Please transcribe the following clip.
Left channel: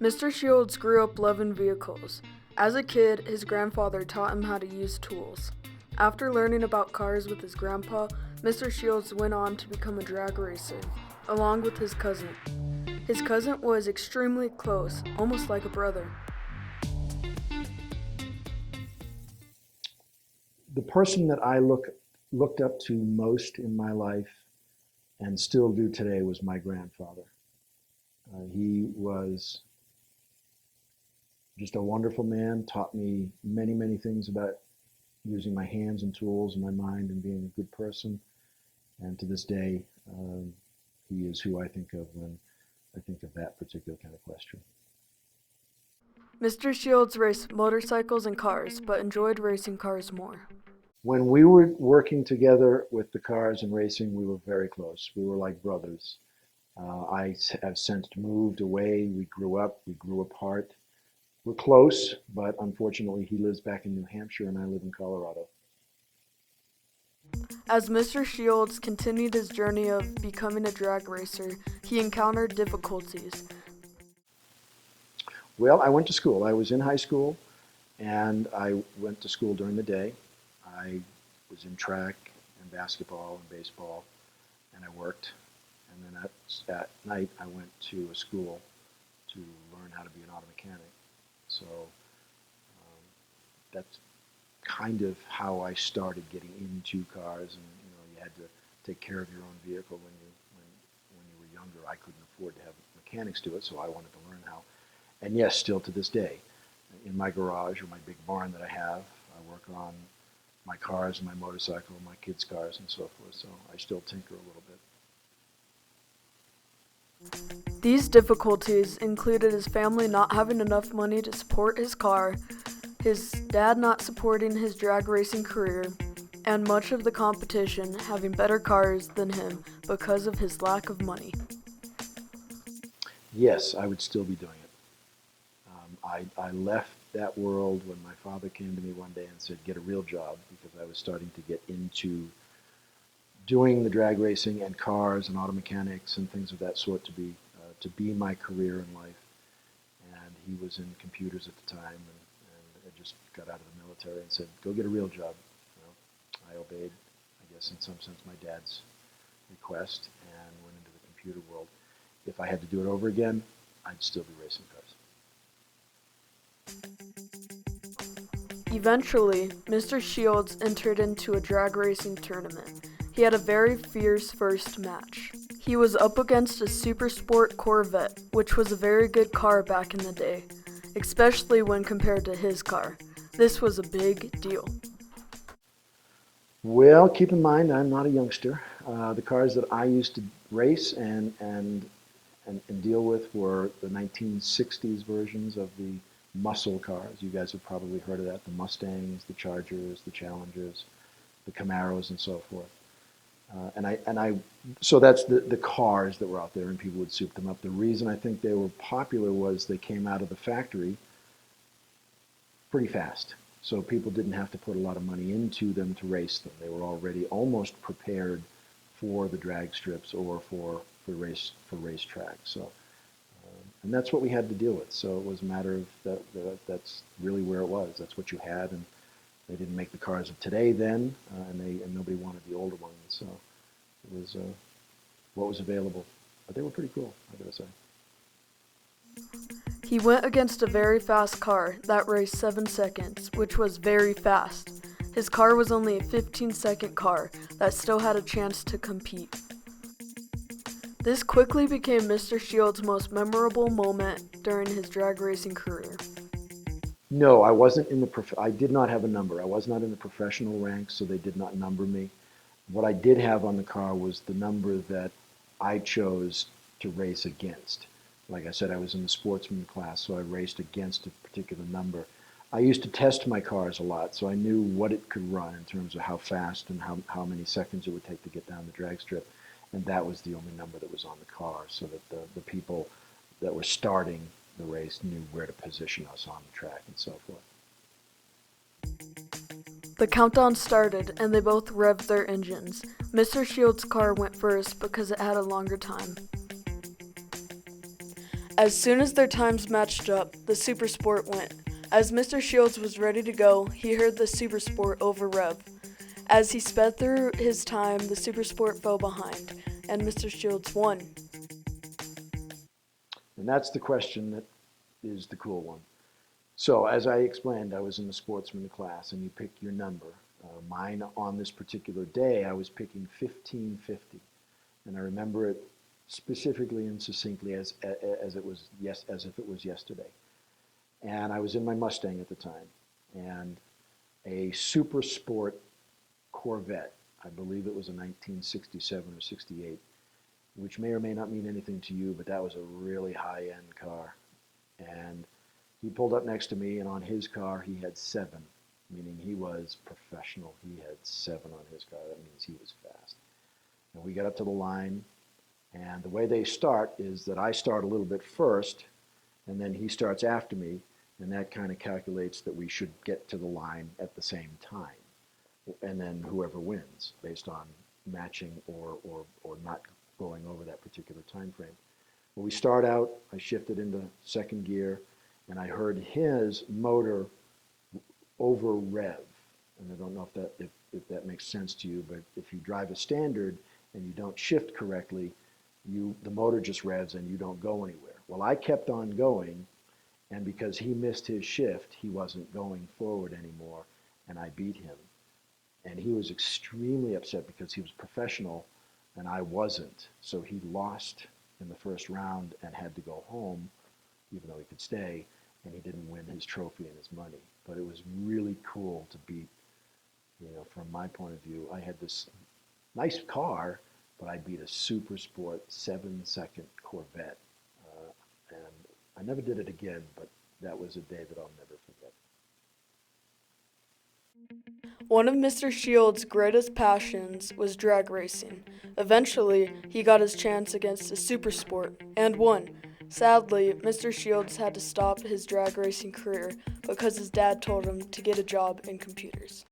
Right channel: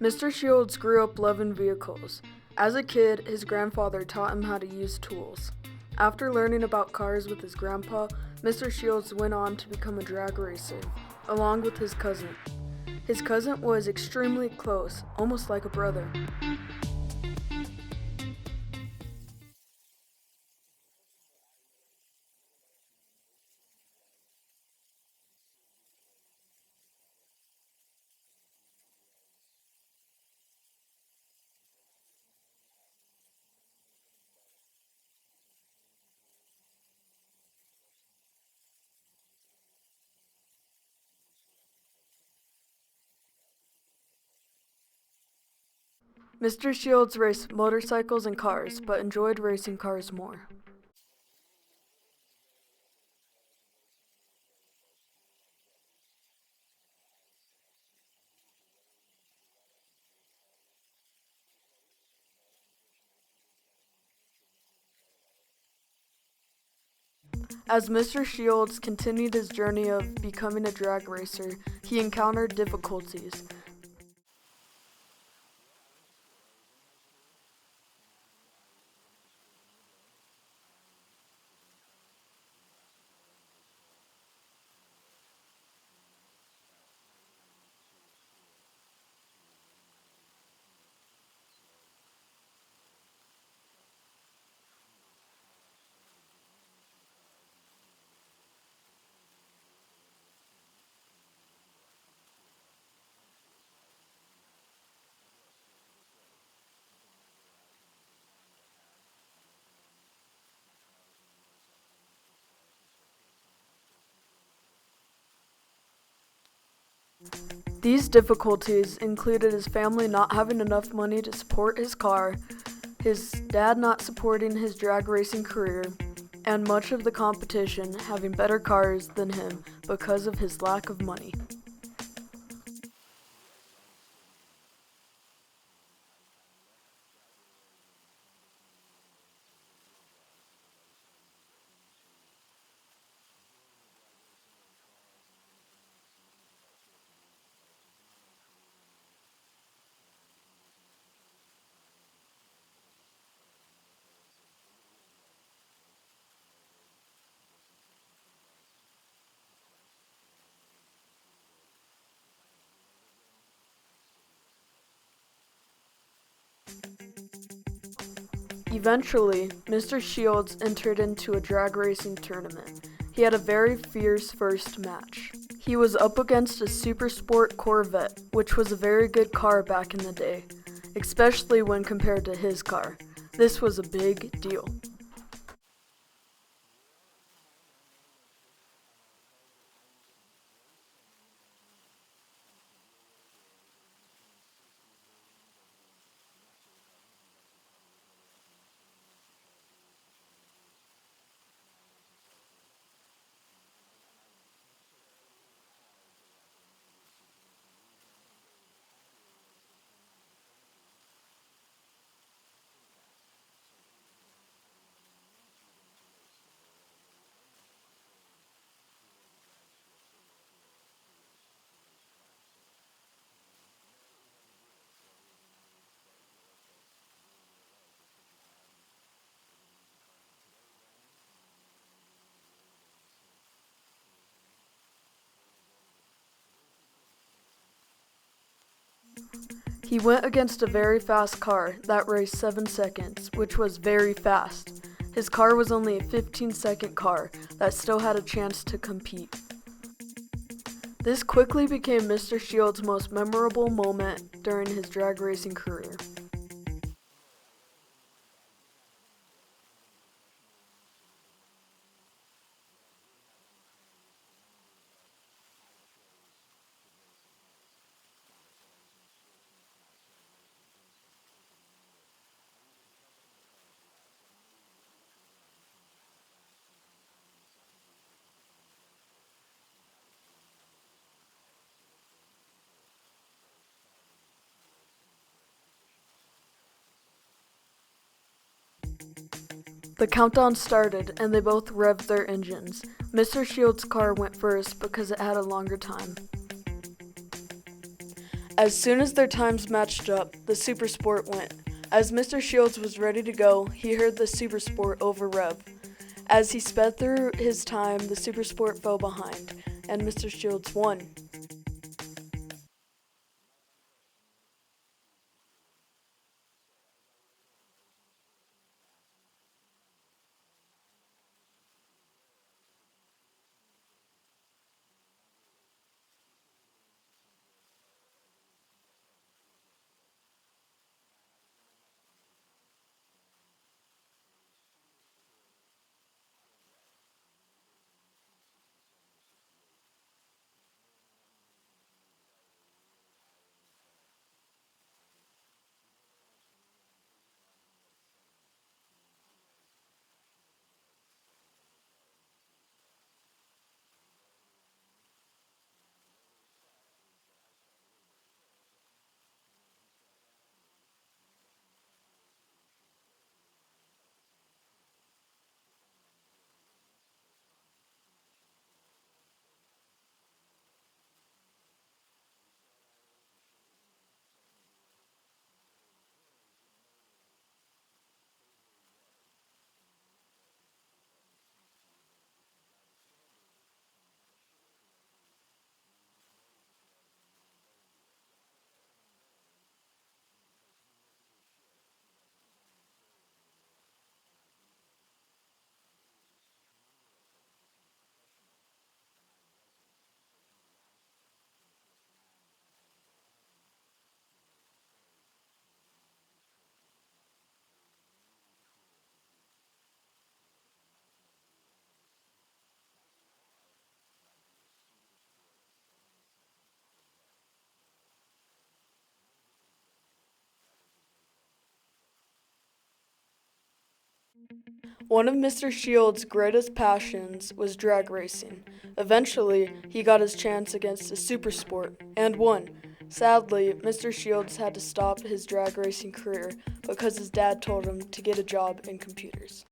Mr. Shields grew up loving vehicles. As a kid, his grandfather taught him how to use tools. After learning about cars with his grandpa, Mr. Shields went on to become a drag racer, along with his cousin. His cousin was extremely close, almost like a brother. The person that I looked up to most in my life and still do today was my grandfather. He was just a wonderful man, taught me many, many things about using my hands and tools and my mind and being a good person. And to this day, he is who I think of when I think of that particular kind of question. Mr. Shields raced motorcycles and cars, but enjoyed racing cars more. When we were working together with the cars and racing, we were very close. We were like brothers. I have since moved away. We grew up, we grew apart. We're close, but unfortunately he lives back in New Hampshire and I live in Colorado. As Mr. Shields continued his journey of becoming a drag racer, he encountered difficulties. Well, I went to school. I was in high school and I went to school during the day. I was in track and basketball and baseball and I worked. And then at night I went to a school to learn how to be an auto mechanic. So that's kind of how I started getting into cars. And you had to take care of your own vehicle when you were younger. I couldn't afford to have mechanics do it, so I wanted to learn how. And yes, still to this day, in my garage or my big barn that I have, I work on my cars and my motorcycle, my kids' cars, and so forth. So I still tinker a little bit. These difficulties included his family not having enough money to support his car, his dad not supporting his drag racing career, and much of the competition having better cars than him because of his lack of money. Yes, I would still be doing it. I left that world when my father came to me one day and said, get a real job, because I was starting to get into doing the drag racing and cars and auto mechanics and things of that sort to be my career in life. And he was in computers at the time and I just got out of the military and said, go get a real job. I obeyed, I guess in some sense, my dad's request and went into the computer world. If I had to do it over again, I'd still be racing cars. Eventually, Mr. Shields entered into a drag racing tournament. He had a very fierce first match. He was up against a Super Sport Corvette, which was a very good car back in the day, especially when compared to his car. This was a big deal. Well, keep in mind, I'm not a youngster. The cars that I used to race and deal with were the 1960s versions of the muscle cars. You guys have probably heard of that, the Mustangs, the Chargers, the Challengers, the Camaros, and so forth. So that's the cars that were out there, and people would soup them up. The reason I think they were popular was they came out of the factory pretty fast. So people didn't have to put a lot of money into them to race them. They were already almost prepared for the drag strips or for racetracks. So, and that's what we had to deal with. So it was a matter of that's really where it was. That's what you had, and they didn't make the cars of today then, and nobody wanted the older ones. So it was what was available. But they were pretty cool, I gotta say. He went against a very fast car that raced 7 seconds, which was very fast. His car was only a 15-second car that still had a chance to compete. This quickly became Mr. Shields' most memorable moment during his drag racing career. No, I wasn't in the I did not have a number. I was not in the professional ranks, so they did not number me. What I did have on the car was the number that I chose to race against. Like I said, I was in the sportsman class, so I raced against a particular number. I used to test my cars a lot, so I knew what it could run in terms of how fast and how many seconds it would take to get down the drag strip. And that was the only number that was on the car, so that the people that were starting the race knew where to position us on the track and so forth. The countdown started, and they both revved their engines. Mr. Shields' car went first because it had a longer time. As soon as their times matched up, the Super Sport went. As Mr. Shields was ready to go, he heard the Super Sport over rev. As he sped through his time, the Super Sport fell behind, and Mr. Shields won. And that's the question that is the cool one. So, as I explained, I was in the sportsman class, and you pick your number. Mine on this particular day, I was picking 1550, and I remember it specifically and succinctly as if it was yesterday. And I was in my Mustang at the time, and a Super Sport Corvette, I believe it was a 1967 or 68, which may or may not mean anything to you, but that was a really high-end car. And he pulled up next to me, and on his car, he had 7, meaning he was professional. He had 7 on his car. That means he was fast. And we got up to the line, and the way they start is that I start a little bit first, and then he starts after me, and that kind of calculates that we should get to the line at the same time. And then whoever wins based on matching or not going over that particular time frame. When we start out, I shifted into second gear, and I heard his motor over rev. And I don't know if that makes sense to you, but if you drive a standard and you don't shift correctly, the motor just revs and you don't go anywhere. Well, I kept on going, and because he missed his shift, he wasn't going forward anymore, and I beat him. And he was extremely upset because he was professional and I wasn't. So he lost in the first round and had to go home, even though he could stay, and he didn't win his trophy and his money. But it was really cool to beat, from my point of view. I had this nice car, but I beat a Super Sport 7-second Corvette. And I never did it again, but that was a day that I'll never forget. One of Mr. Shields' greatest passions was drag racing. Eventually, he got his chance against a Super Sport and won. Sadly, Mr. Shields had to stop his drag racing career because his dad told him to get a job in computers.